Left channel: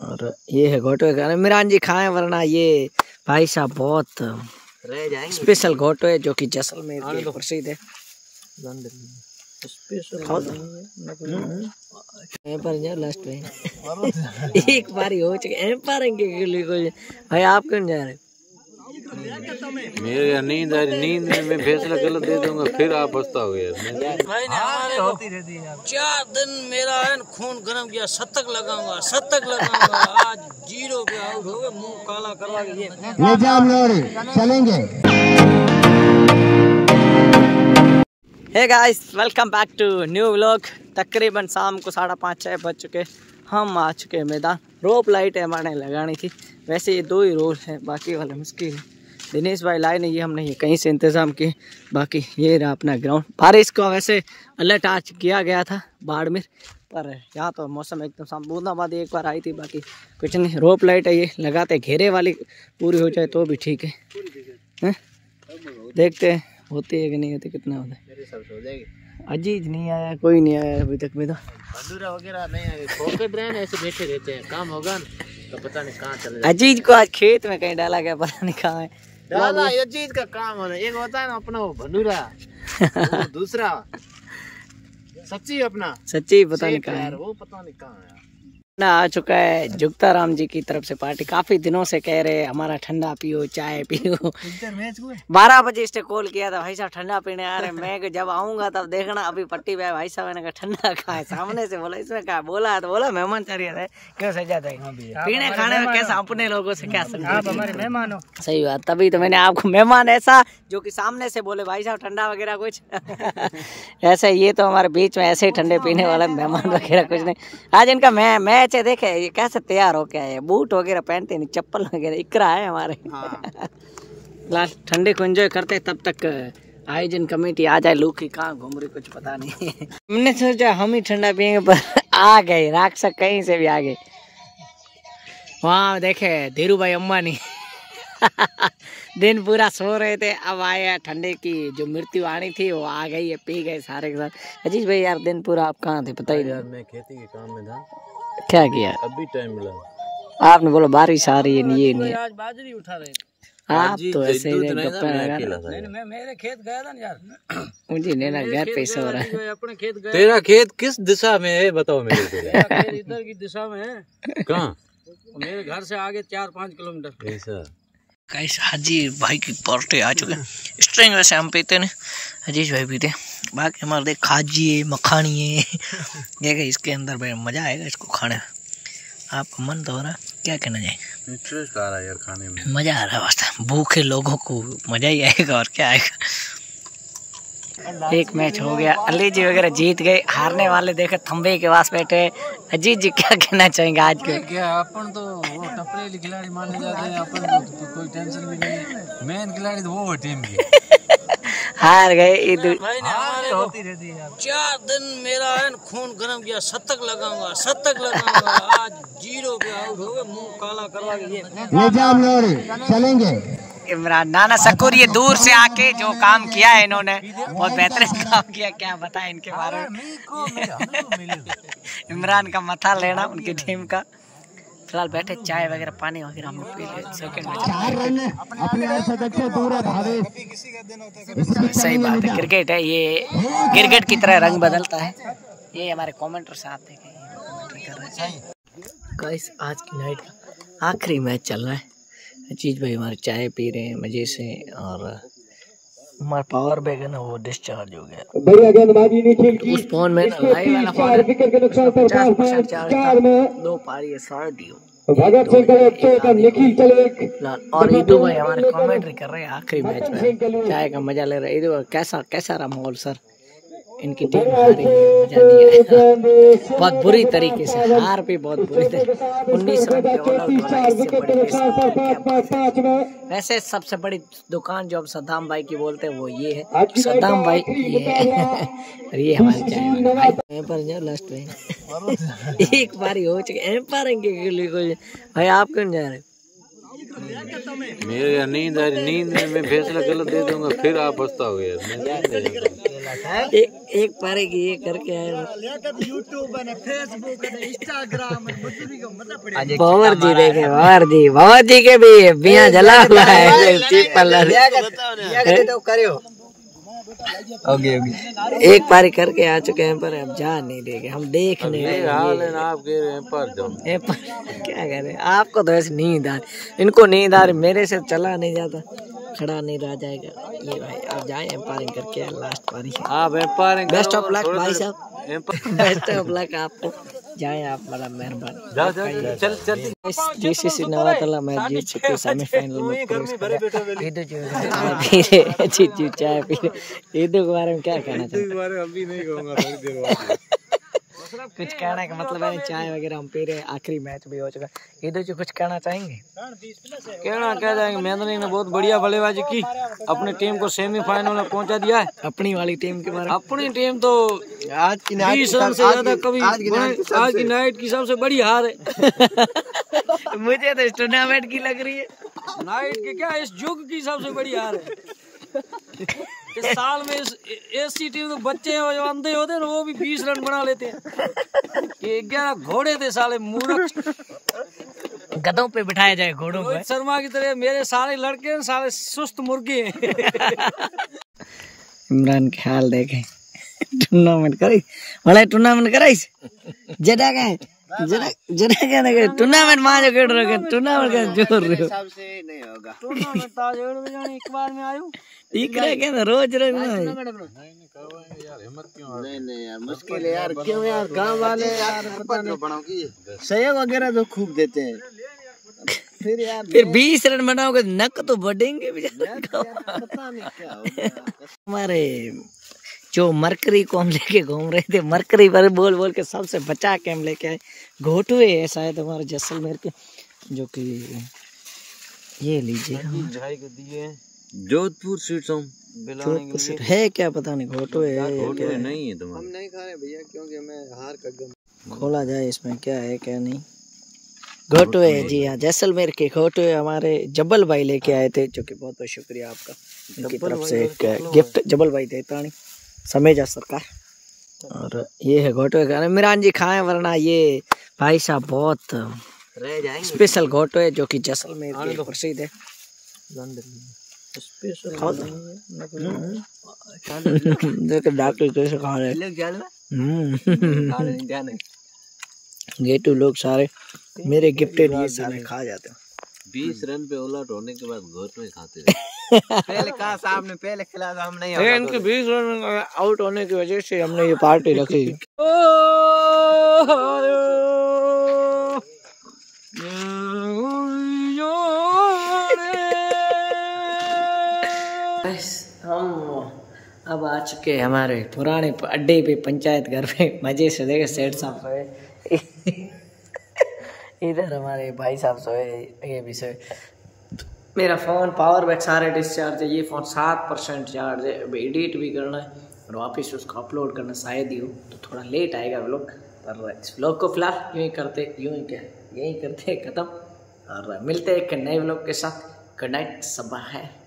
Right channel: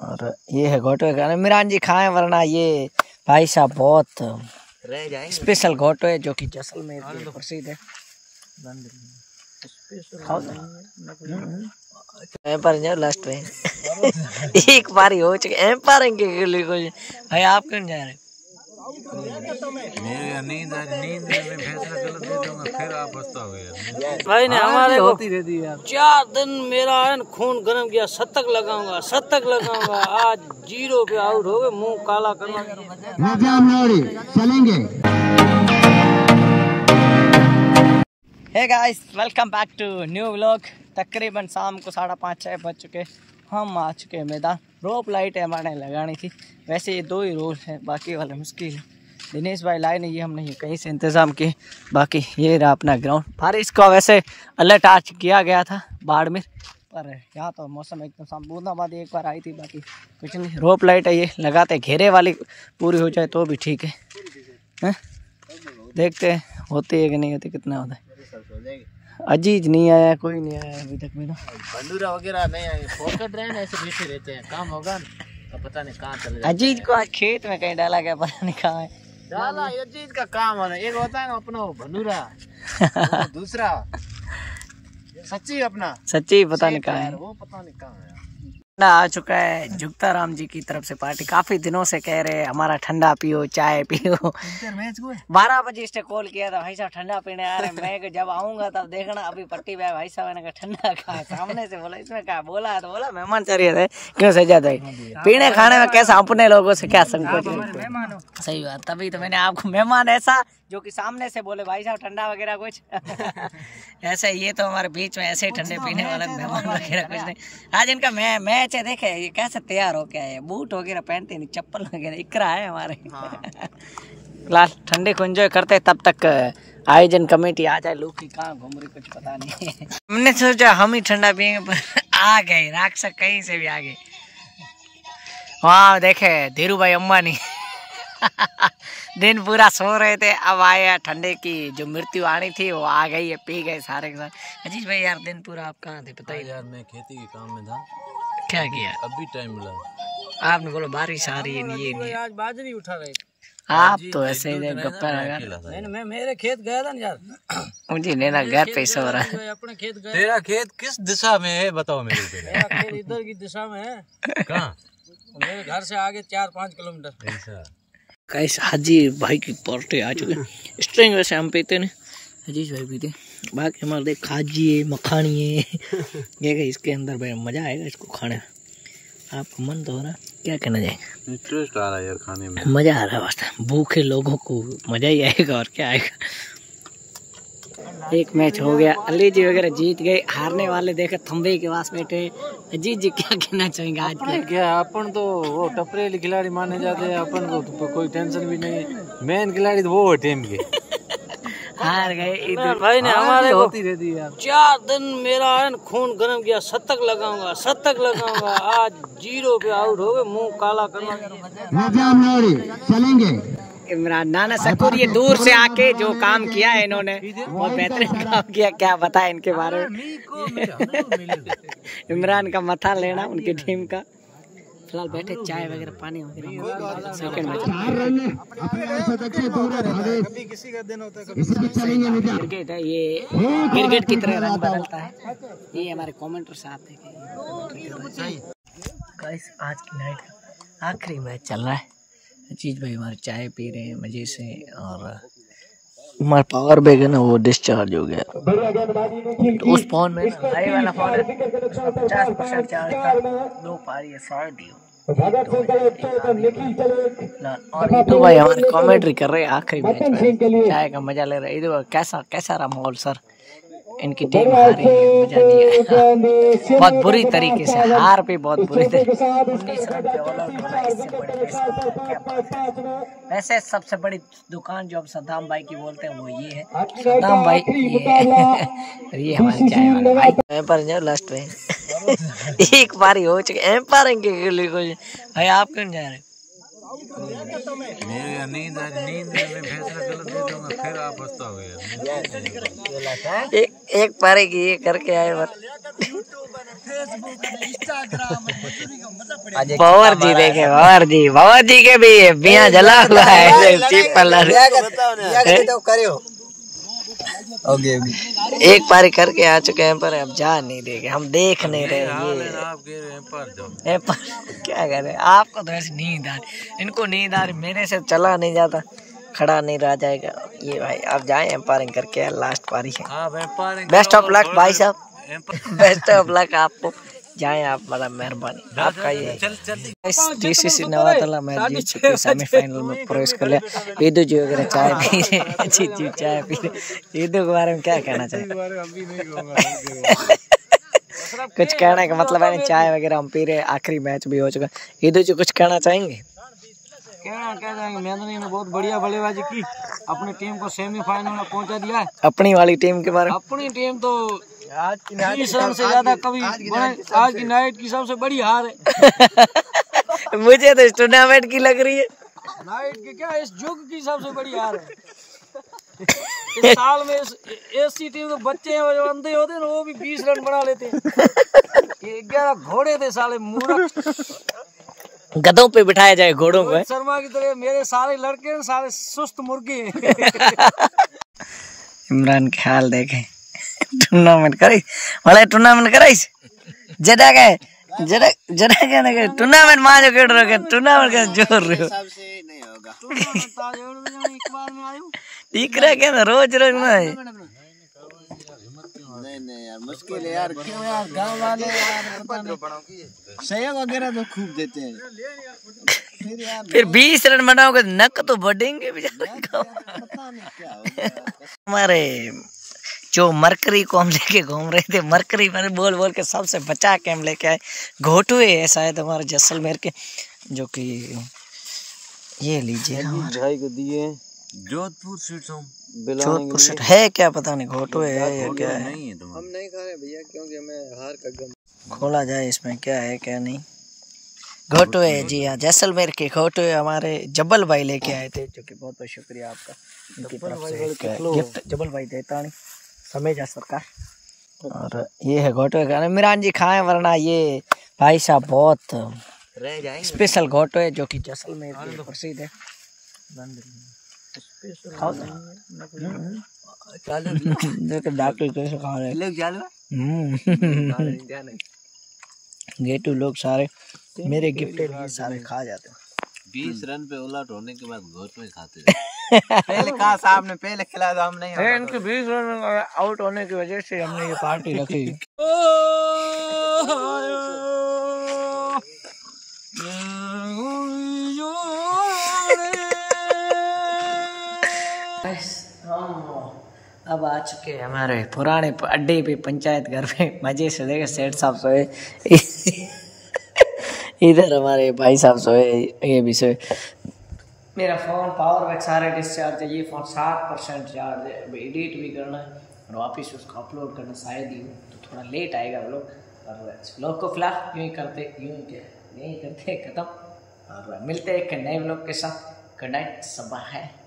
और ये है घोटवे का। इमरान जी खाएं वरना ये भाई साहब बहुत स्पेशल घोटवे जो कि जैसलमेर के प्रसिद्ध है। पर लास्ट में एक बार हो चुके भाई आप क्यों जा रहे? मेरे नींद में मैं फैसला गलत दे दूंगा फिर आप पछताओगे। भाई ने हमारे को 4 दिन मेरा है खून गर्म किया। शतक लगाऊंगा आज 0 पे आउट हो गए, मुंह काला कर चलेंगे। Hey guys, welcome back to new vlog. तकरीबन शाम को 5:30-6 बज चुके। हम आ चुके मैदान। रोप लाइट है हमारे लगानी थी। वैसे ये 2 ही रोल है, बाकी वाले मुश्किल है। दिनेश भाई लाए नहीं, ये हमने ये कहीं से इंतज़ाम किए। बाकी ये रहा अपना ग्राउंड। बारिश का वैसे अलर्ट आज किया गया था बाड़मेर, पर यहाँ तो मौसम एकदम शाम। बूंदाबांदी एक बार आई थी, बाकी कुछ नहीं। रोप लाइट है ये लगाते, घेरे वाली पूरी हो जाए तो भी ठीक है। देखते हैं होती है कि नहीं होती, कितना होता है। अजीज नहीं आया, कोई नहीं आया अभी तक में। तो बंदूरा वगैरह नहीं आए, फोकट रहे ऐसे बैठे रहते हैं। काम होगा तो पता नहीं कहाँ चले। अजीज को आज खेत में कहीं डाला गया, पता नहीं कहाँ है। दादा अजीज का काम होना, एक होता है ना अपना वो भंडूरा, दूसरा सच्ची अपना सच्ची पता नहीं कहाँ है, वो पता नहीं कहाँ है। ना आ चुका है जुगता राम जी की तरफ से पार्टी। काफी दिनों से कह रहे हमारा ठंडा पियो, चाय पियो। 12 बजे इसने कॉल किया था, भाई साहब ठंडा पीने आ रहे हैं। मैं जब आऊंगा तब देखना। अभी पट्टी पे भाई साहब ने कहा ठंडा कहाँ है, सामने से बोला। इसमें कहा बोला तो बोला मेहमान चाहिए थे, क्यों सजा थे पीने खाने में कैसा अपने लोगों से क्या संकोच है। सही बात, तभी तो मैंने आपको मेहमान ऐसा जो कि सामने से बोले भाई साहब ठंडा वगैरह कुछ ऐसे। ये तो हमारे बीच में ऐसे ही ठंडे पीने वाला मेहमान वगैरह कुछ नहीं। आज इनका मैच है, देखे ये कैसे तैयार हो क्या है। बूट वगैरह पहनते नहीं, चप्पल वगैरह इकरा है हमारे। फिलहाल ठंडे को एंजॉय करते, तब तक आयोजन कमेटी आ जाए। लू की कहाँ घूम रही कुछ पता नहीं। हमने सोचा हम ही ठंडा पियेंगे, पर आ गए राक्षस कहीं से भी आ गए। वहाँ देखे धीरू भाई अम्बानी दिन पूरा सो रहे थे, अब आए। ठंडे की जो मृत्यु आनी थी वो आ गई है, पी गए सारे के साथ। अजीज भाई यार दिन पूरा आप कहाँ थे पता ही? यार मैं खेती के काम में था। क्या किया? अभी टाइम मिला। आपने बोला बारिश आ रही है, ये नहीं। आज बाजरी उठा रहे आप तो ऐसे ही गप्पे लगा। मैं मेरे खेत गया था ना यार, मुझे लेना घर पे सो रहा है। अपने खेत गया। तेरा खेत किस दिशा में है बताओ मेरे पहले। इधर की दिशा में है। कहाँ? मेरे घर से आगे 4-5 किलोमीटर। ऐसा गाइस हाजी भाई की पार्टी आ चुके हैं। स्ट्रिंग वैसे हम पीते नहीं, अजीज भाई पीते। बाकी हमारे देख खाजी है, मखानी है। ये इसके अंदर भाई मज़ा आएगा इसको खाने। आपका मन तो हो रहा, क्या कहना जाएगा? इंटरेस्ट आ रहा है यार खाने में, मज़ा आ रहा है। वास्तव भूखे लोगों को मज़ा ही आएगा, और क्या आएगा। एक मैच हो गया, अली जी वगैरह जीत गए। हारने वाले देखे थंबे के पास बैठे। अजीत जी क्या कहना चाहेंगे आज के? क्या अपन तो वो टपरेली खिलाड़ी माने जाते हैं। अपन को तो कोई टेंशन भी नहीं है। मेन खिलाड़ी तो वो है टीम के। हार गए। भाई ने हमारे को 4 दिन मेरा है खून गर्म किया। शतक लगाऊंगा आज 0 पे आउट हो गए, मुंह काला कर चलेंगे। इमरान नाना शकूर ये दूर से आके जो काम किया है इन्होंने, बहुत बेहतरीन काम किया। क्या बताएं इनके बारे में। इमरान का मथा लेना उनकी टीम का। फिलहाल बैठे चाय वगैरह पानी वगैरह हम पी रहे। सेकंड में सही बात है, क्रिकेट है ये, क्रिकेट की तरह रंग बदलता है। ये हमारे कमेंटर साहब थे, कमेंट्री कर रहे हैं। गाइस आज की नाइट का आखिरी मैच चल रहा है। अजीज भाई हमारे चाय पी रहे हैं मजे से, और हमारा पावर बैग है ना वो डिस्चार्ज हो गया। तो उस फोन में लाइव वाला फोन है, 50% चार्ज था। 2 पारी है 100 और ईदू भाई हमारे कमेंट्री कर रहे हैं आखिरी मैच में, चाय का मजा ले रहे हैं। ईदू कैसा रहा माहौल सर? इनकी टीम हारी है, मजा नहीं आया। बहुत बुरी तरीके से हार भी, बहुत बुरी तरीके। 19 रन पे ऑल आउट होना, इससे बड़ी क्या बात है। वैसे सबसे बड़ी दुकान जो अब सद्दाम भाई की बोलते हैं वो ये है, सद्दाम भाई ये है। और ये हमारे चाय वाले भाई एम्पायर जाओ लास्ट में। एक बार ही हो चुके एम्पायरिंग के लिए। भाई आप क्यों जा रहे? मेरे नींद आ रही, नींद में मैं फैसला गलत दे दूंगा, फिर आप पछताओगे यार। एक पारी की ये करके आए बावर जी देखे, बावर जी के भी बिया जला हुआ है एक पारी करके आ चुके हैं, पर अब जा नहीं देंगे, हम देख नहीं रहे। ये पर क्या करें, आपको तो ऐसे नींद आ रही, इनको नींद आ रही, मेरे से चला नहीं जाता, खड़ा नहीं रह जाएगा ये भाई। आप जाए एम्पायरिंग करके, लास्ट पारी है। बेस्ट ऑफ लक भाई साहब, बेस्ट ऑफ लक आपको, जाएं आप, बड़ा मेहरबानी आपका। ये DCC नवातला मैच जीत चुके, सेमीफाइनल में प्रवेश कर लिया। ईदू जी वगैरह चाय पी रहे, जीत जी चाय पी रहे। ईदू के बारे में क्या कहना चाहिए? कुछ कहने का मतलब है, चाय वगैरह हम पी रहे, आखिरी मैच भी हो चुका। ईदू जी कुछ कहना चाहेंगे? कहना कह जाएंगे, महेंद्र ने बहुत बढ़िया बल्लेबाजी की, अपनी टीम को सेमीफाइनल में पहुंचा दिया है। अपनी वाली टीम के बारे में? अपनी टीम तो 20 रन से ज्यादा कभी, आज की नाइट की सबसे बड़ी हार है। मुझे तो इस टूर्नामेंट की लग रही है, नाइट के क्या, इस युग की सबसे बड़ी हार है। इस साल में ऐसी टीम तो बच्चे हैं जो अंधे होते हैं, वो भी 20 रन बना लेते हैं। 11 घोड़े थे साले मूर्ख, गधों पे बिठाया जाए घोड़ों पे। शर्मा की तरह मेरे सारे लड़के सारे सुस्त मुर्गे हैं। इमरान के हाल देखे, टूर्नामेंट करी वाले, टूर्नामेंट कराइस जड़ा के टूर्नामेंट मां जो खेल रहे, टूर्नामेंट का जोर रहे हो, सबसे नहीं होगा। एक बार में आयो ठीक रहे क्या ना, रोज रोज नहीं यार, मुश्किल है यार, क्यों यार, गांव वाले यार पता नहीं सहयोग वगैरह तो खूब देते हैं, फिर यार फिर 20 रन बनाओगे नक तो बढ़ेंगे पता नहीं क्या होगा। हमारे जो मरकरी को हम लेके घूम रहे थे, मरकरी पर बोल बोल के सबसे बचा के हम लेके आए। घोटुए है शायद हमारे जैसलमेर के, जो कि ये लीजिएगा हमारे भाई को दिए, Jodhpur sweets home, Jodhpur sweet है क्या पता नहीं, घोटुए है या क्या है, नहीं है हम नहीं खा रहे भैया, क्योंकि हमें हार का गम। खोला जाए इसमें क्या है क्या नहीं। घोटुए जी हाँ, जैसलमेर के घोटुए हमारे जब्बल भाई लेके आए थे, जो कि बहुत बहुत शुक्रिया आपका, इनकी तरफ से एक गिफ्ट जब्बल भाई देता नहीं समेजा सरकार। और ये है घोटुए का, इमरान जी खाएं, वरना ये भाई साहब बहुत स्पेशल घोटुए, जो कि जैसलमेर के प्रसिद्ध है। खाओ देख डॉक्टर कैसे खा रहे, गेटू लोग सारे मेरे गिफ्टेड ये सारे खा जाते हैं। 20 रन पे उलट होने के बाद घोट में खाते थे। पहले कहा साहब ने, पहले खिलाया था, हम नहीं, इनके 20 रन आउट होने की वजह से हमने ये पार्टी रखी। हम अब आ चुके हैं हमारे पुराने अड्डे पे, पंचायत घर पे, मजे से। देखे सेठ साहब सोए, इधर हमारे भाई साहब सोए, ये भी सोए। मेरा फ़ोन पावर बैंक सारे डिस्चार्ज है, ये फ़ोन 7% चार्ज है। अब एडिट भी करना है और वापस उसको अपलोड करना शायद ही हो, तो थोड़ा लेट आएगा व्लॉग। पर इस व्लॉग को फिलहाल यहीं करते ख़त्म, और मिलते हैं एक नए व्लॉग के साथ। गुड नाइट, सब्बा है।